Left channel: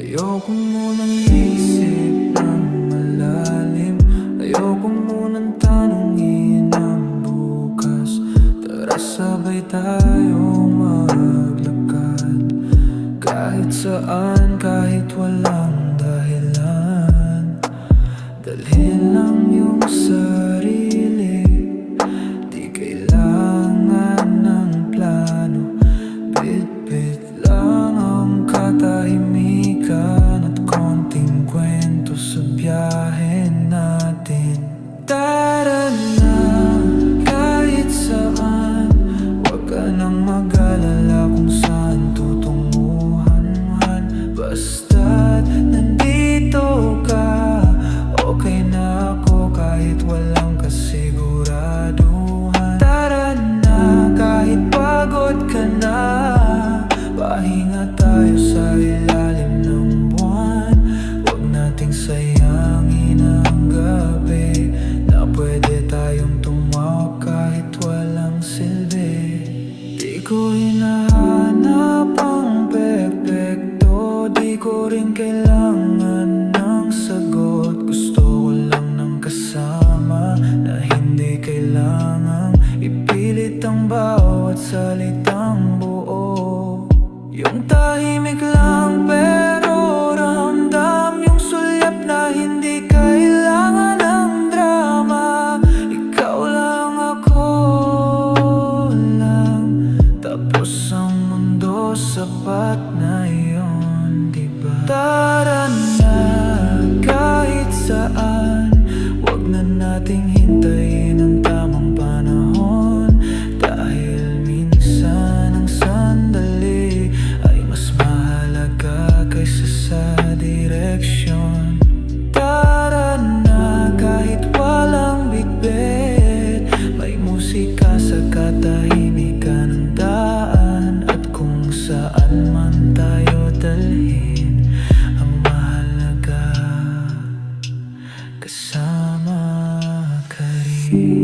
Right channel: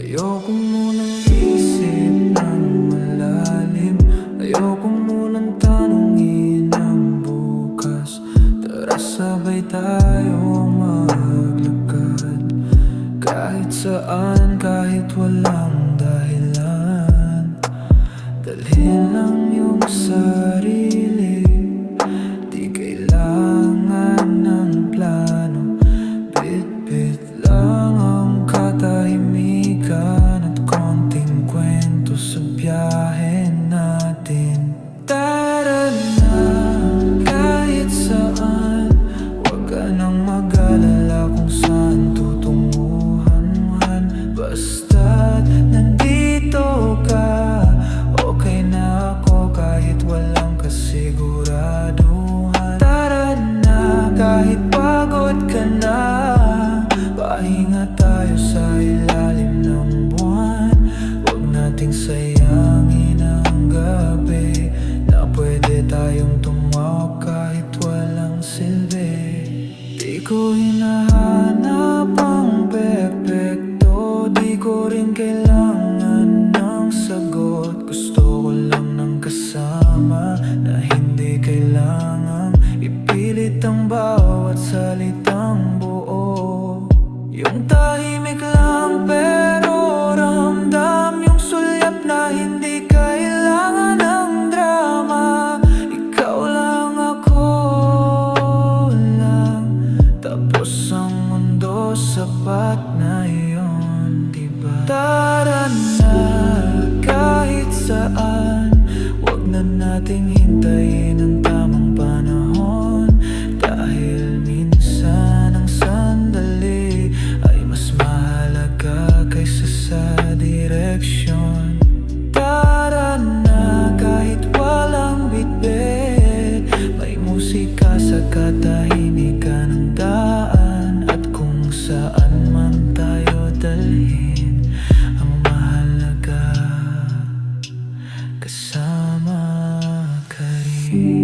Ayoko munang isip ng malalim. Ayoko munang tanungin ang bukas. Tara sabay tayong maglakad, kahit saan, kahit walang dahilan. Dalhin lang yung sarili, di kailangan ng plano. Bit-bit lang ang katahimikan at konting kwento sa biyahe natin. Tara na, kahit saan, wag ka nang mag-alala kung saan tutunguhan. Basta't nandito ka, okay na ako kahit walang kasiguraduhan. Tara na, kahit pagod ka na, pahinga tayo sa ilalim ng buwan. Huwag nating sayangin ang gabi, na pwede tayong tumawa kahit walang silbi. Di ko hinahanap ang pepekto, di ko rin kailangan ng sagot. Gusto ko lang ng kasama, na hindi kailangang ipilit ang bawat salitang buo. Yung tahimik lang pero ramdam, yung sulyap na hindi kailangan ng drama. Ikaw lang, ako lang, tapos ang mundo sapat na yun, diba? Tara na, kahit saan, wag na nating hintayin ang tamang panahon. Dahil minsan ang sandali ay mas mahalaga kaysa sa direksyon. Tara na, kahit walang bitbit, may musika sa katahimikan ng daan. At kung saan man tayo dalhin, ang mahalaga, kasama ka rin.